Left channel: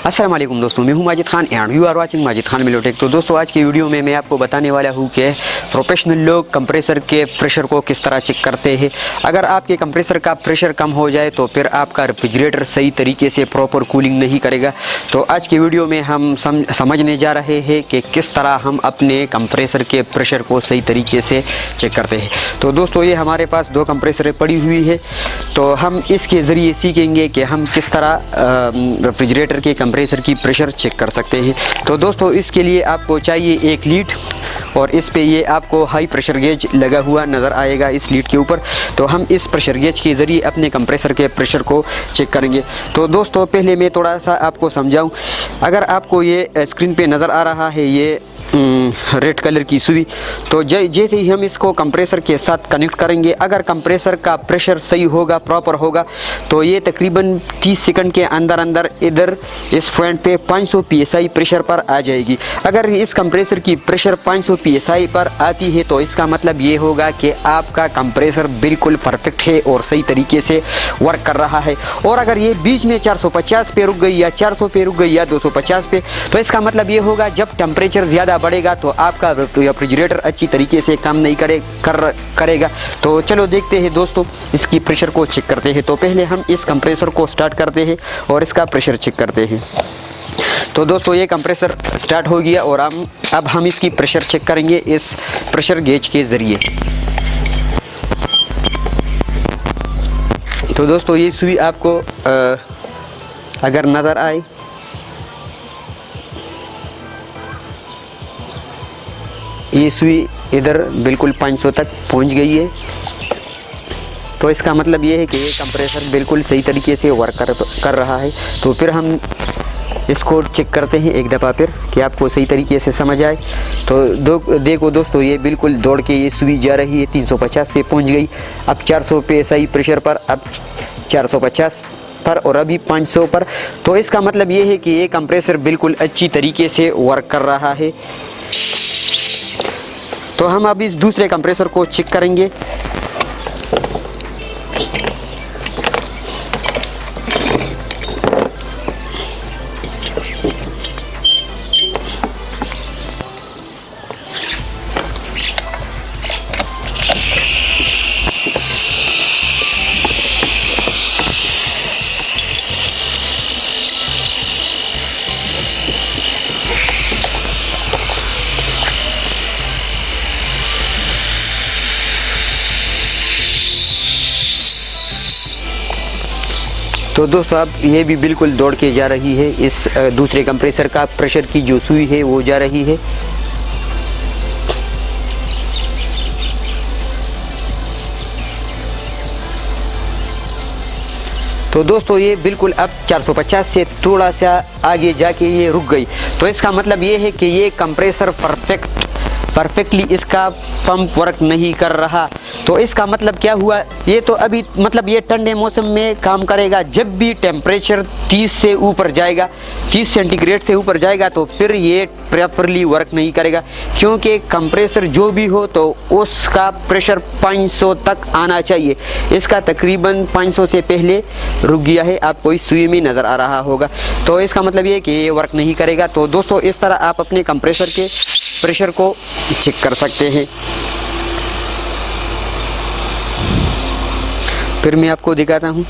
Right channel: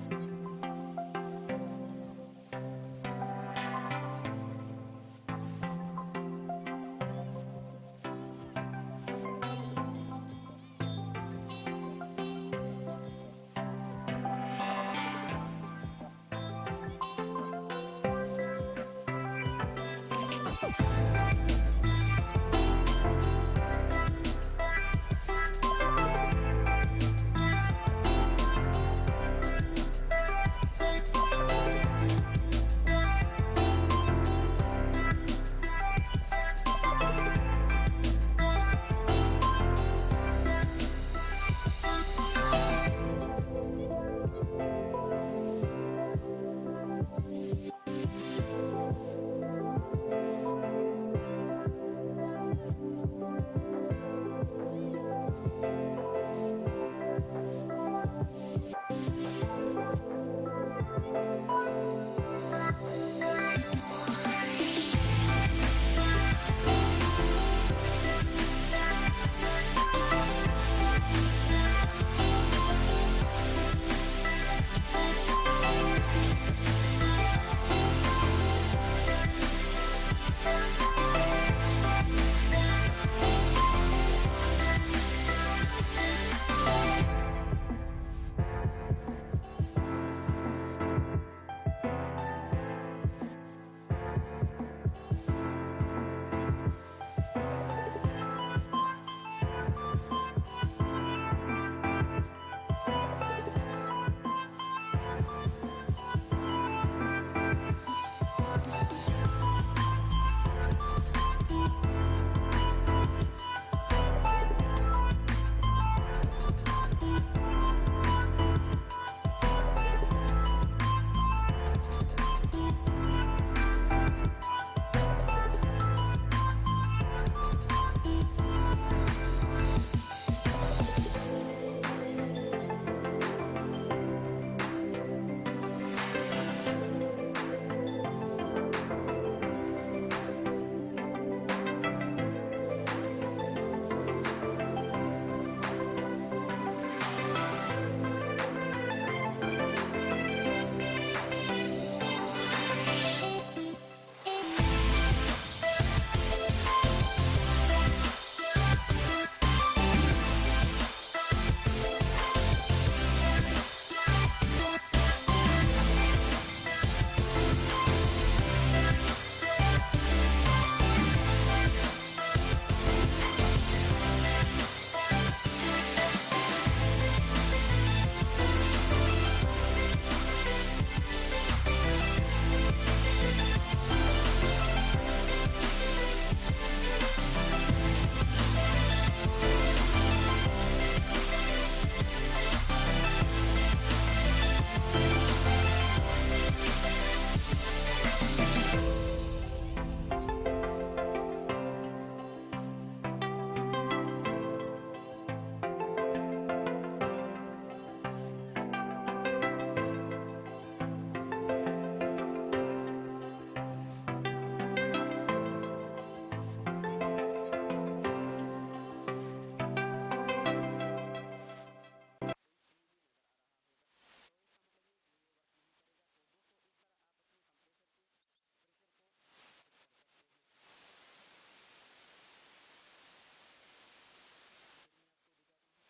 अस्सलाम वालेकुम दोस्तों, मैं हूं Majid Khan and you are watching Majid Khan मिलोटेक। तो दोस्तों आज की वीडियो में मैं आपको बताने वाला हूं कि प्रोफेशनल लोग कंप्रेसर के प्रेशर को किस तरह चेक करते हैं। अगर आपके कंप्रेसर का प्रेशर कम हो जाए तो फिर आपका रेफ्रिजरेटर सही तरीके से प्रॉपर कूलिंग नहीं करेगा। तो आज की वीडियो में हम समझने जा रहे हैं कि किस तरह हम अपने कंप्रेसर के प्रेशर को सही तरीके से चेक करते हैं। तो दोस्तों ये हमारे पास दो कंप्रेसरें पड़ी हुई है, तो हम इसके ज़रिए सीखेंगे कि हम किस तरह रेफ्रिजरेटर के कंप्रेसर की प्रेशर चेक कर सकते हैं। तो दोस्तों इसके लिए आपको चाहिए एक लीड और इस पे ये आपको हाई प्रेशर गेज लगा हुआ नज़र आएगा इस लीड के ऊपर। तो हम इस प्रेशर गेज के ज़रिए अपने कंप्रेसर के प्रेशर को चेक करेंगे। तो दोस्तों पहले मैं थोड़ा सा आपको समझाऊं। अगर आपको ये स्क्रीन पे नज़र आ रहा है ये रेड कलर की सुई, तो जैसे ही हम इसको कंप्रेसर के साथ कनेक्ट करेंगे, अगर कंप्रेसर का प्रेशर सही होगा, प्रॉपर होगा, तो ये तकरीबन 30 सेकंड के अंदर अंदर इधर इस पॉइंट पे 500 psi प्रेशर पर आ जाएगी। अगर इस कंप्रेसर की प्रेशर 500 psi पर आती है तो इसका मतलब ये होगा कि आपका कंप्रेसर बिल्कुल परफेक्ट है और सही तरीके से वर्क कर रहा है। और अगर ये बीच में 450 पे रुक गई या 400 पे रुक गई या 250 पे, तो इसका मतलब ये होगा जब टेम्परेचर ज़्यादा बढ़ेगा तो आपका रेफ्रिजरेटर अच्छी तरीके से काम नहीं करेगा। तो चलो देखते हैं दोस्तों, इसकी प्रेशर को चेक करते हैं। तो पहले हम इस कंप्रेसर को स्टार्ट करते हैं और इसका प्रेशर चेक करते हैं। तो दोस्तों ये कंप्रेसर स्टार्ट हो गया और अब हम इसकी प्रेशर चेक करेंगे इस प्रेशर गेज के ज़रिए। तो दोस्तों ये सुई आपको अगर नज़र आए, ये सुई इधर बिल्कुल 500 तक पहुंच गई है। तो इसका मतलब ये है कि ये कंप्रेसर बिल्कुल सही तरीके से वर्क कर रहा है। तो फिर हम इसको चेक करते हैं एक दफ़ा फिर कि आपको सही तरीके से समझ आए। तो देखो दोस्तों ये बिल्कुल दौड़ के ये सुई जा रही है, 350 पे पहुंच गई, अब 400 पे सही प्रेशर पर, अब 450 पर और अभी 500 पर। तो इसका मतलब ये है कि ये कंप्रेसर बिल्कुल अच्छी तरीके से वर्क कर रहा है। तो हम अब इस दूसरे कंप्रेसर को चेक करेंगे। तो दोस्तों अब ये भी बिल्कुल दौड़ के जा रही है, इस दूसरे कंप्रेसर का प्रेशर की जो सुई है वो जा रही है। तो दोस्तों ये बिल्कुल अब 450 से थोड़ा सा आगे जाके ये रुक गई। तो इसका मतलब ये है कि ये कंप्रेसर परफेक्टली इसका पंप वर्क नहीं कर रहा। तो इसका मतलब क्या हुआ, ये तो अभी मतलब ये ठंडे मौसम में काम करेगा। जब भी टेम्परेचर 30 से ऊपर जाएगा, 30 सेंटीग्रेड से ऊपर जाएगा, तो फिर ये प्रॉपरली वर्क नहीं करेगा, क्योंकि कंप्रेसर जो भी हो तो उसका प्रेशर 500 तक आना चाहिए। इसका तकरीबन 500 से पहले रुक गया है, आपको इस सुई में नज़र आ रहा होगा। तो इसका मतलब ये कि ये वर्क नहीं करेगा। तो दोस्तों इस तरह आप अपने कंप्रेसर के प्रेशर को चेक कर सकते हैं। फिर मैं आपको दिखाता हूँ।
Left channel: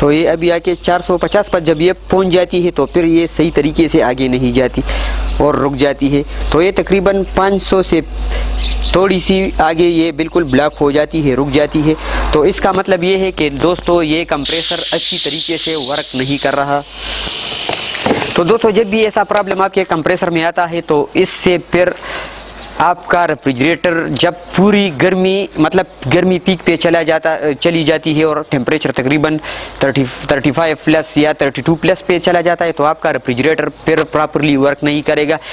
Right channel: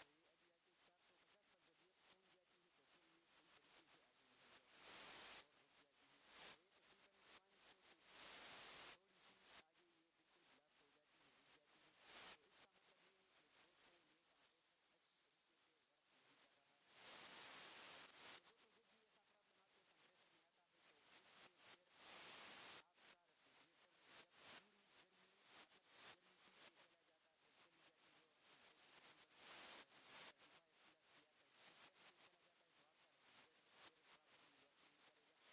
तो ये अभी आके 450 पर जब ये पहुंच जाती है तो फिर ये सही तरीके से आगे नहीं जाती और रुक जाती है। तो ये तकरीबन 500 से थोड़ी सी आगे ये बिल्कुल ब्लॉक हो जाती है, रुक जाती है। तो इसका मतलब ये है कि दोस्तों ये कंप्रेसर अच्छी तरीके से वर्क नहीं कर रहा। तो दोस्तों जब भी ऐसा प्रॉब्लम आपके कंप्रेसर में आता है तो इससे फिर आपका रेफ्रिजरेटर जब पूरी गर्मी मतलब गर्मी पीक पे चली जाती है और टेम्परेचर तकरीबन 35 प्लस या 32 प्लस पे चला जाता है, तो आपका रेफ्रिजरेटर फिर प्रॉपरली वर्क नहीं करेगा।